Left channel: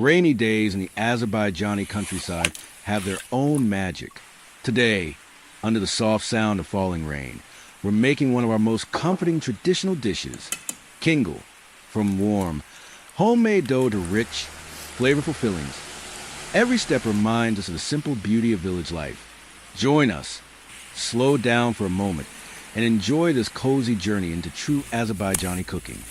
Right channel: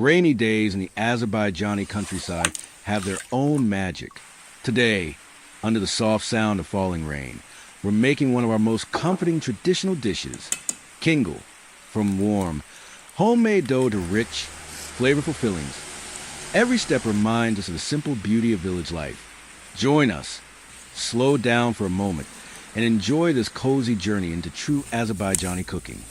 Rainy days in the Azerbaijani countryside have their own magic. Today, under the soft sound of falling rain, we're making one of our most comforting traditional dishes, kingal. From warm, homemade dough to rich, flavorful fillings, every step reminds us of the simple beauty of village life. Join us, slow down for a moment, and enjoy this cozy journey into true Azerbaijani cooking.